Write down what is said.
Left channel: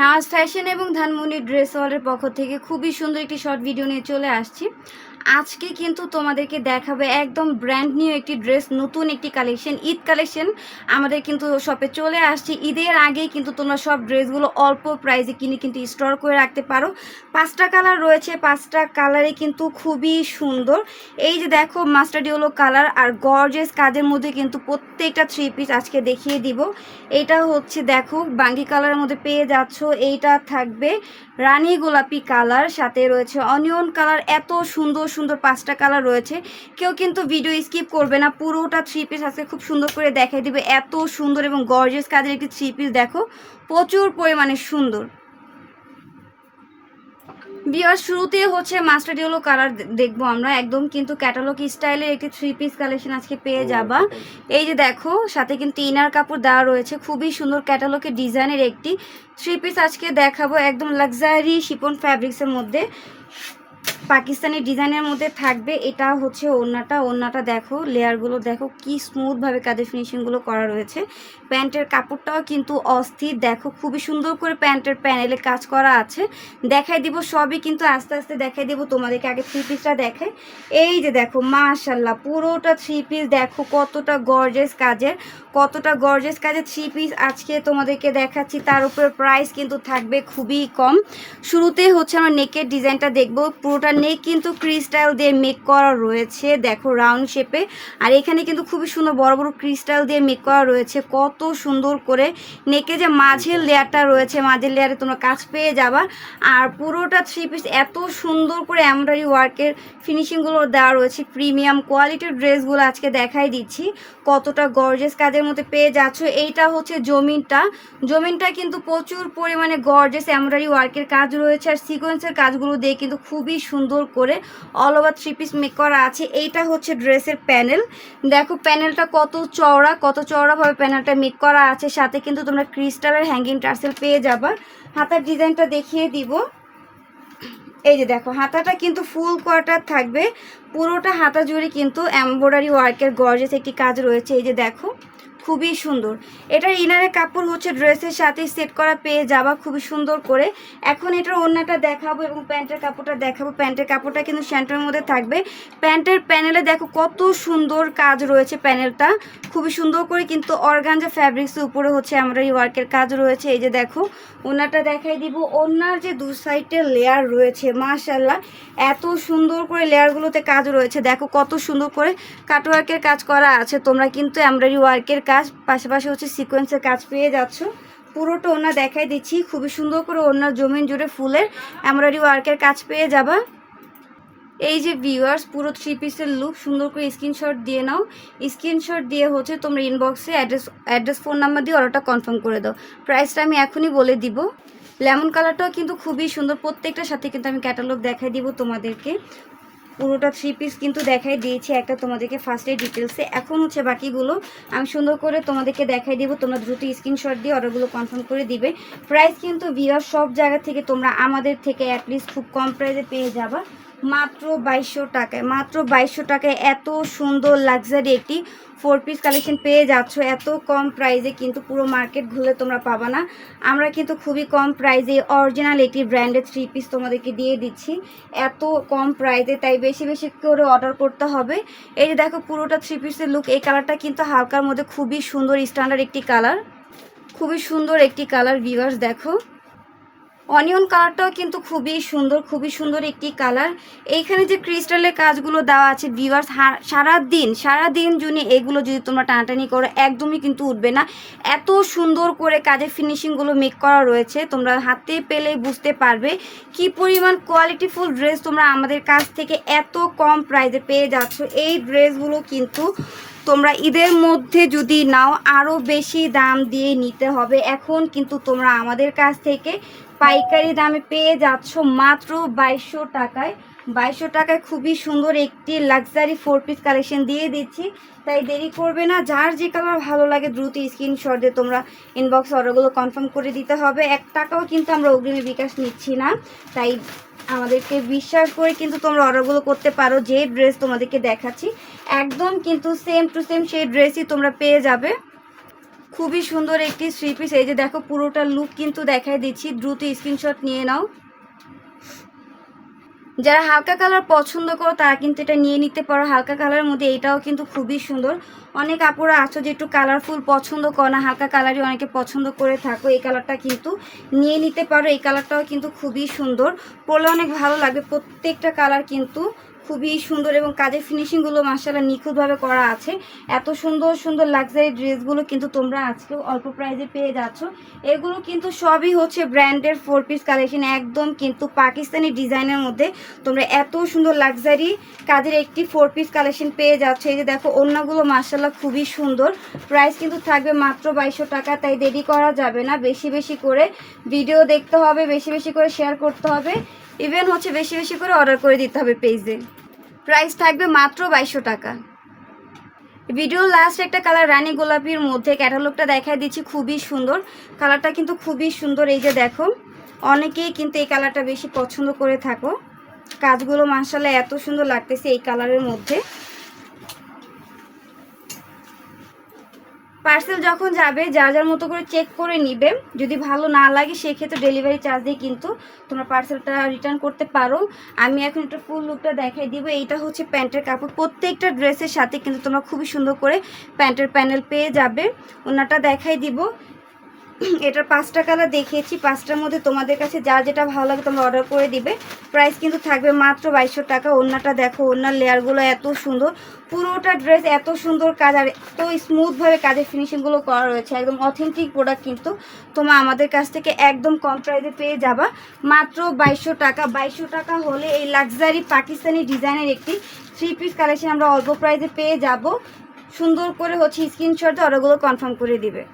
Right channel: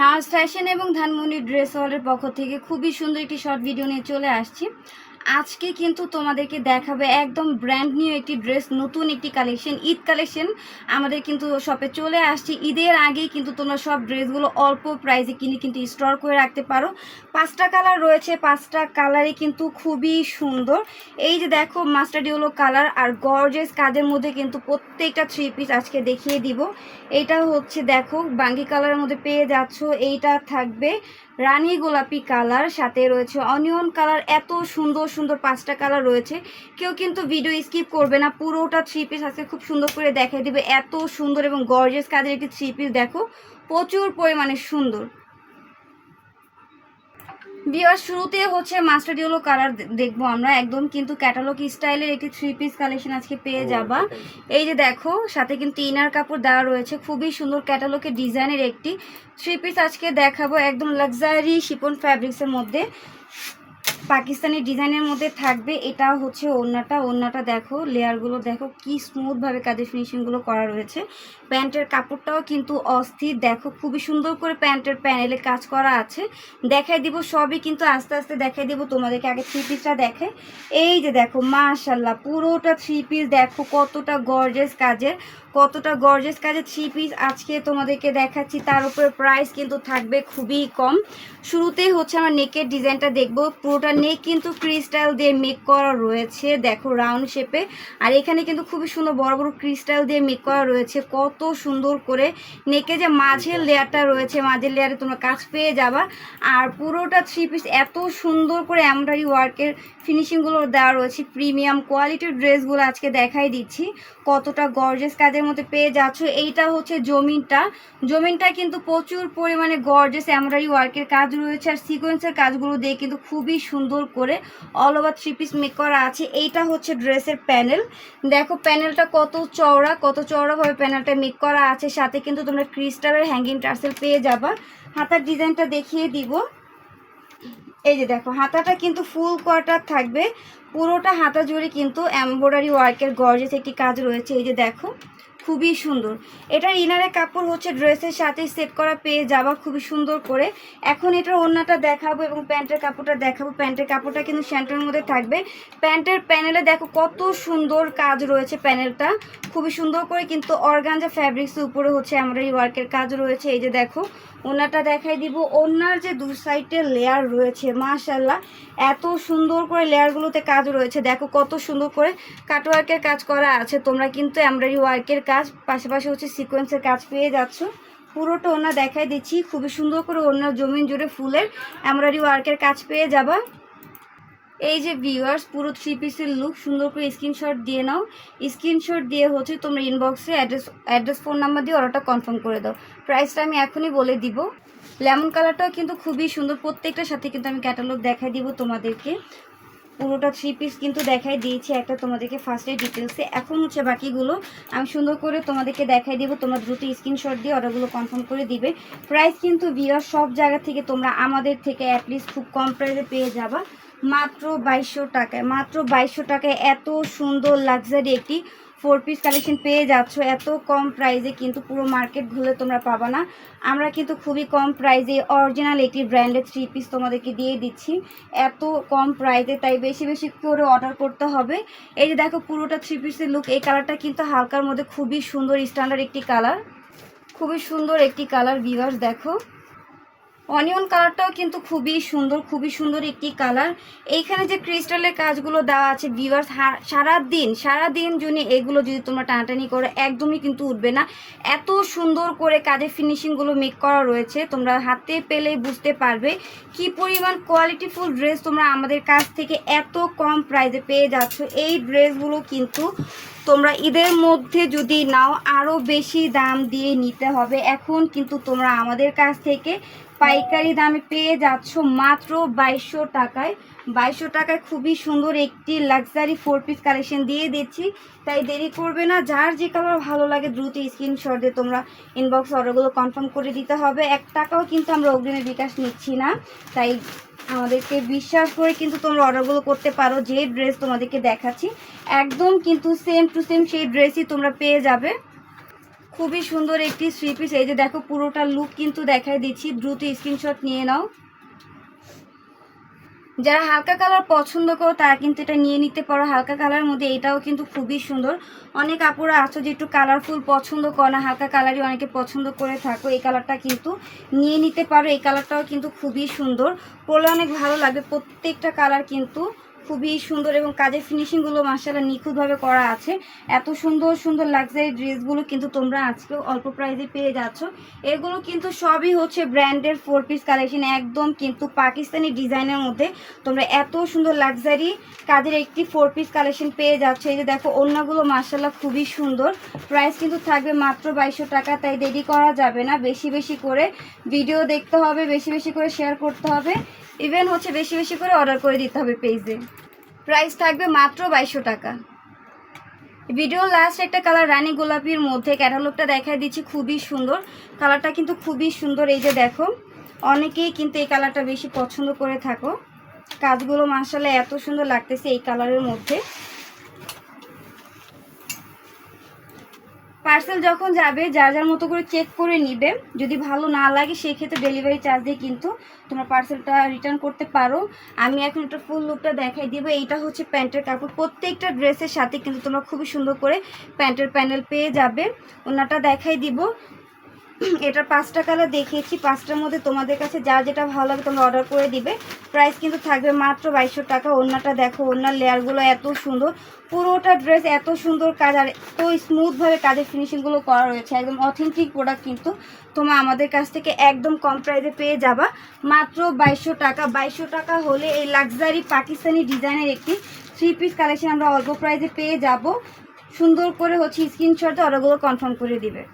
নাজ fashion এবং Dhanmondi dress ওয়ার্ল্ডের পক্ষ থেকে খুবই সুন্দর একটি শর্ট ভিডিও নিয়ে চলে আসছি। আজকে কিন্তু তোমাদেরকে দেখাবে একদম ব্র্যান্ড নিউ একটি ড্রেস, নতুন একটি কালেকশন, ঈদ কালেকশন আমাদের কিন্তু শপে চলে আসছে। ঈদের আগেই কিন্তু তোমরা সব ড্রেসগুলো অল্প প্রাইসে কিনে কিন্তু স্টোর করে রাখতে পারো। 5টা কালার রয়েছে, 5টা কালারে কিন্তু খুবই সুন্দর। এই যে দেখো মাস্টার্ড ইয়েলো কালার আর গর্জিয়াস কাজের মধ্যে কিন্তু প্রত্যেকটা 3 পিস আজকে দেখিয়ে দিব। এটা হচ্ছে দেখো বাঙ্গি কালারের মধ্যে পেয়ে যাচ্ছ। এইটা থাকবে রানী গোলাপি কালার, সাথে রয়েছে অনিয়ন কালার। এত সুন্দর সুন্দর 5টা কালার রয়েছে, কেউ কিন্তু ভিডিও স্কিপ করবে না, পুরোটা 3 পিস আজকে খুব সুন্দর করে দেখাই দিবে। এত সুন্দর এবং গর্জিয়াস কাজের একটি 3 পিস দেখো, প্রচুর পরিমাণে সুন্দর। বিয়ার শুরুতেই হচ্ছে মাস্টার্ড ইয়েলো কালার দেখবো আমরা, একদম কিন্তু ক্যাটালগ স্টাইলের একটি 3 পিস কালেকশন আজকে পেয়ে যাবা। এই যে দেখো সাথে কিন্তু ইনার কাপড় দেওয়া রয়েছে, খুবই সুন্দর ক্যাটালগের ডিজাইনের একটি 3 পিস আজকে দেখাবো। একদম লাক্সারি শিপন ফ্যাব্রিক্সের মধ্যে পাকিস্তানি ডিজাইনের মধ্যে থাকবে। এটা হচ্ছে ওড়নাটা দেখো, লেয়ারগুলো দেখো কি স্মুথভাবে কাজের ফিনিশিংগুলো করা রয়েছে। প্যান্টের কাপড়টাও কিন্তু অস্থির, দেখো খুবই সুন্দর করে প্যান্টের প্যানেলে কাজ করা আছে। দেখাই দিব সবই, কিন্তু আস্তে আস্তে দেখাই দিব তোমাদেরকে। আগে 3 পিসটা দেখে। এই যে দেখো মাশাল্লাহ পুরোটা 3 পিস দেখো কতটা গর্জিয়াস কাজের, 3 পিস আজকে তোমাদেরকে দেখাচ্ছি। তার উপরে প্রাইস কিন্তু থাকবে খুবই কম। শুরুতে হচ্ছে আমরা নেকের ডিজাইনটা দেখবো। পুরোটা নেক কিন্তু ক্রিস্টাল দিয়ে মেক করা রয়েছে, দেখো রাউন্ড শেপে। আর এখানে কিন্তু খুবই সুন্দর বড় বড় ক্রিস্টাল দিয়ে মেক করা রয়েছে, কত সুন্দর করে। নেকে যে মাঝের লেয়ারটা রয়েছে, মাঝের লেয়ারে তোমরা কাজ পেয়ে যাবা। আর পুরোটা 3 পিস এত সুন্দর করে এমব্রয়ডারি ওয়ার্কের ফিনিশিংগুলো দেওয়া রয়েছে। প্রিমিয়াম কোয়ালিটির ড্রেসগুলো আজকে দেখাই দিচ্ছি, কতটা গর্জিয়াস কাজের মধ্যে পেয়ে যাচ্ছ। এইটা হচ্ছে জমিনটা কিন্তু প্রচুর পরিমাণে গর্জিয়াস এমব্রয়ডারি ওয়ার্কের কাজ রয়েছে, আর সিকোয়েন্সের কাজগুলো দিয়ে কিন্তু খুবই সুন্দর করে অল ওভার 3 পিস মেক করা আছে। এইটা হচ্ছে ড্রেসের প্যানেল, দেখো প্যানেলটা কত চওড়াভাবে প্যানেলটা মেক করা আছে। সাথে কিন্তু তোমরা ক্রিস্টালের হ্যাঙ্গিং টার্সেল পেয়ে যাবা। হাতার ডিজাইনটা দেখিয়ে দিব। এই যে দেখো হাতাটা কিন্তু ফুল কোয়ার্টার থাকবে, পুরোটা হাতা জুড়ে কিন্তু এমব্রয়ডারি ওয়ার্কের গর্জিয়াস একটি কাজ রয়েছে। এই যে দেখো খুবই সুন্দর। এটার ইনারের কাপড় হচ্ছে ড্রেসের সাথে সেট করা পেয়ে যাবা খুবই সুন্দর করে। এখন এটার ওড়নাটা দেখাবো এবং প্যান্টের কাপড়টা দেখাবো। প্যান্টের কাপড়টা কিন্তু স্যান্টের মধ্যে থাকবে। প্যান্টের প্যানেলে দেখো কত সুন্দর কাজ রয়েছে, প্যানেলটা খুবই সুন্দর করে কিন্তু অর্গানজা ফ্যাব্রিক্সের উপরে হচ্ছে এমব্রয়ডারি ওয়ার্কের কাজ রয়েছে। এই যে দেখো ওড়নাটা দেখাই দিব। ওড়নার যে দু সাইডে লেয়ার রয়েছে মাশাল্লাহ, এত সুন্দর করে লেয়ারগুলোতে কাজ রয়েছে, দেখো কত সুন্দর করে কাটওয়ার্কের কাজ করা আছে। তোমরা কিন্তু এমব্রয়ডারি ওয়ার্কের কাজ পাশাপাশি হচ্ছে সিকোয়েন্সের কাজ পেয়ে যাচ্ছ। পুরোটা ওড়না দেখাই দিচ্ছি, খুবই সুন্দর করে ওড়নার জমিন জুড়ে ফুলের এমব্রয়ডারি ওয়ার্কের কাজ পেয়ে যাবা। এই যে ভিউয়ার্স পুরো 3 পিসের লুক সুন্দর করে স্ক্রিনশট দিয়ে নাও। স্ক্রিনশট দিয়ে হচ্ছে তোমরা ইনবক্সে অ্যাড্রেস ফোন নাম্বার দিয়ে অর্ডারটা কনফার্ম করে দাও। প্রাইসটা আমি এখনই বলে দিব। লেমন কালারটাও কিন্তু খুবই সুন্দর, প্রত্যেকটার সাথে কিন্তু আমি ক্যাটালগ দেখাই দিব তোমাদেরকে। পুরোটা 3 পিস কিন্তু দেখাই দিয়েছি একটা তোমাদেরকে ফার্স্টে ডিটেলসে। এখন হচ্ছে বাকিগুলো আমি সুন্দর করে তোমাদেরকে দেখাই দিব, তোমরা দ্রুত স্ক্রিনশট দিয়ে অর্ডারগুলো কনফার্ম করে দিবে। প্রাইস কিন্তু ভিউয়ার সব জায়গা থেকে তোমরা আমাদের থেকে অ্যাটলিস্ট খুব কম প্রাইসে পেয়ে যাবা, মাত্র 2200 টাকায়। মাত্র 2200 টাকায় এত সুন্দর লাক্সারি একটি 4 পিস কালেকশন পেয়ে যাচ্ছ এত কম প্রাইসে, কিন্তু পুরো মার্কেট ঘুরে তোমরা পাবা না। আমরা কিন্তু খুবই কম প্রাইসে অরিজিনাল একটি ব্র্যান্ডের 3 পিস তোমাদেরকে দিয়ে দিচ্ছি এত কম প্রাইসে, তাই বেশি বেশি করে অর্ডার করতে হবে। এই যে দেখো পুরোটা 3 পিসের লুক। এই কালারটা কিন্তু হালকার মধ্যে খুবই সুন্দর স্ট্যান্ডার্ড একটি কালার, খুবই সুন্দর একটি কালার ভিউয়ার্স। দেখো অনিয়ন কালারটাও কিন্তু খুবই সুন্দর একটি কালার। এইখানে যে ক্রিস্টালের কাজগুলো দেওয়া আছে ভিউয়ার্স, সারাদিন জন্য এগুলো যদি তোমরা টানাটানি করো একদমই কিন্তু উঠবে না। এত সুন্দর করে কাজের ফিনিশিংগুলো মেক করা রয়েছে, তোমরা হাতে পেলেই বুঝতে পারবে কি পরিমাণ কোয়ালিটিফুল ড্রেস তোমরা আমাদের কাছ থেকে এত কম প্রাইসে পেয়ে যাচ্ছ। এই ড্রেসগুলো কিন্তু তোমরা ঈদের মধ্যে যদি নাও আরও বেশি দাম দিয়ে নিতে হবে। এখন কিন্তু তোমরা আমাদের কাছ থেকে পাইকারি দামে পেয়ে যাচ্ছ মাত্র 2200 টাকায়। 2200 টাকায় খুবই সুন্দর একটি লাক্সারি 4 পিস কালেকশন দিয়ে দিচ্ছি, তাই দেরি করবে না। যার যে কালার ভালো লাগে দ্রুত স্ক্রিনশট দিয়ে তোমরা ইনবক্স অর্ডারগুলো কনফার্ম করে দিতে হবে। 1 টাকাও কিন্তু আমরা অগ্রিমে বিকাশ নিচ্ছি না, তাই আমাদেরকে বিশ্বাস করে কিন্তু তোমরা অর্ডারগুলো করতে পারো। যে ড্রেস তোমাদেরকে দেখাচ্ছি একদম কিন্তু সেম টু সেম সেই ড্রেসই তোমরা পেয়ে যাবে। খুবই সুন্দর একটি থ্রি পিস। এই যে দেখো পুরোটা লুক কিন্তু দেখাই দিচ্ছি, দ্রুত স্ক্রিনশট নিয়ে নাও। যারা হালকা কালার পছন্দ করো তারা কিন্তু এটা নিয়ে নিতে পারো। হালকা কালারের মধ্যে এটাও কিন্তু খুবই সুন্দর। অনেক আপুরা আছো যে একটু কালারফুল পছন্দ করো না, হালকা কালারই অনেকে পছন্দ করে থাকো, এই কালারটা কিন্তু নিয়ে নিতে পারো। এই কালারটাও কিন্তু খুবই সুন্দর, পরলে অনেক ভালো লাগবে। প্রত্যেকটা কালার কিন্তু খুবই সুন্দর এবং কাজের ফিনিশিংগুলো মাশাআল্লাহ নিখুঁতভাবে করা আছে। এত সুন্দর সুন্দর লাক্সারি ড্রেসগুলো কিন্তু তোমরা আজকেও অল্প প্রাইসে পেয়ে যাচ্ছ। এগুলো কিন্তু সবই হচ্ছে ব্র্যান্ডের 4 পিস কালেকশন, একদম কিন্তু পাকিস্তানি ডিজাইনের মধ্যে তোমরা এত সুন্দর লাক্সারি কাজের একটি 4 পিস কালেকশন পেয়ে যাচ্ছে। এই যে দেখো ওড়নাগুলো মাশাআল্লাহ খুবই সুন্দর। প্রাইস কিন্তু থাকবে মাত্র 2200 টাকা। তাই দেরি করা যাবে না, বেশি বেশি করে ভিডিও দেখতে হবে, বেশি বেশি করে শেয়ার করতে হবে, ইভেন হচ্ছে বেশি বেশি করে অর্ডার করে দিতে হবে পেজে। প্রাইস থাকবে মাত্র 2200 টাকা। ভিডিও লাস্ট একটা কালার রানী গোলাপির মধ্যে ক্যাটালগটা দেখাই দিচ্ছি, খুবই সুন্দর কালারটা, কিন্তু খুবই সুন্দর। এই যে দেখো অনেকেই কিন্তু এই কালারটা বেশি পছন্দ করে থাকো। কাজগুলো মাশাআল্লাহ এত সুন্দর লাগতেছে এই কালারের মধ্যে। পার্সেল যখন যাবে যার যার মতো করে চেক করে নিবে, যদি ভালো না লাগে সেই ক্ষেত্রে ডেলিভারি চার্জ দিয়ে কিন্তু তোমরা পার্সেলটা রিটার্ন করতে পারো। আমি এখন একটা ফুল লুকটা দেখাই দিব। এইটা হচ্ছে প্যান্টের কাপড়, প্রত্যেকটা ড্রেসের সাথে কিন্তু তোমরা খুবই সুন্দর করে প্যান্টের প্যানেল পেয়ে যাবে। ওনাটা দেখাই দিব। এটার 5টা কালার দেখিয়েছি, 5টার মধ্যে তোমাদের কাছে যা যেটা ভালো লাগে তোমরা অর্ডার করে দিবে। প্রাইস কিন্তু থাকবে মাত্র 2200 টাকা। ওড়নাটা দেখো, ওড়নার লেয়ারগুলো এত সুন্দর, পুরোটা ড্রেস এত সুন্দর কাজ আর এত স্মুথভাবে কাজের ফিনিশিংগুলো করা রয়েছে। একদম অথেন্টিক প্রোডাক্ট কিন্তু তোমরা আমাদের কাছ থেকে একদম কম প্রাইসে পেয়ে যাবা মাত্র 2200 টাকা। 2200 টাকা হলে এই লাক্সারি পাকিস্তানি ডিজাইনের একটি 3 পিস কালেকশন আমরা অল্প প্রাইসে পেয়ে যাব। সুন্দর করে হচ্ছে স্ক্রিনশটে অর্ডারগুলো কনফার্ম করে দিবে।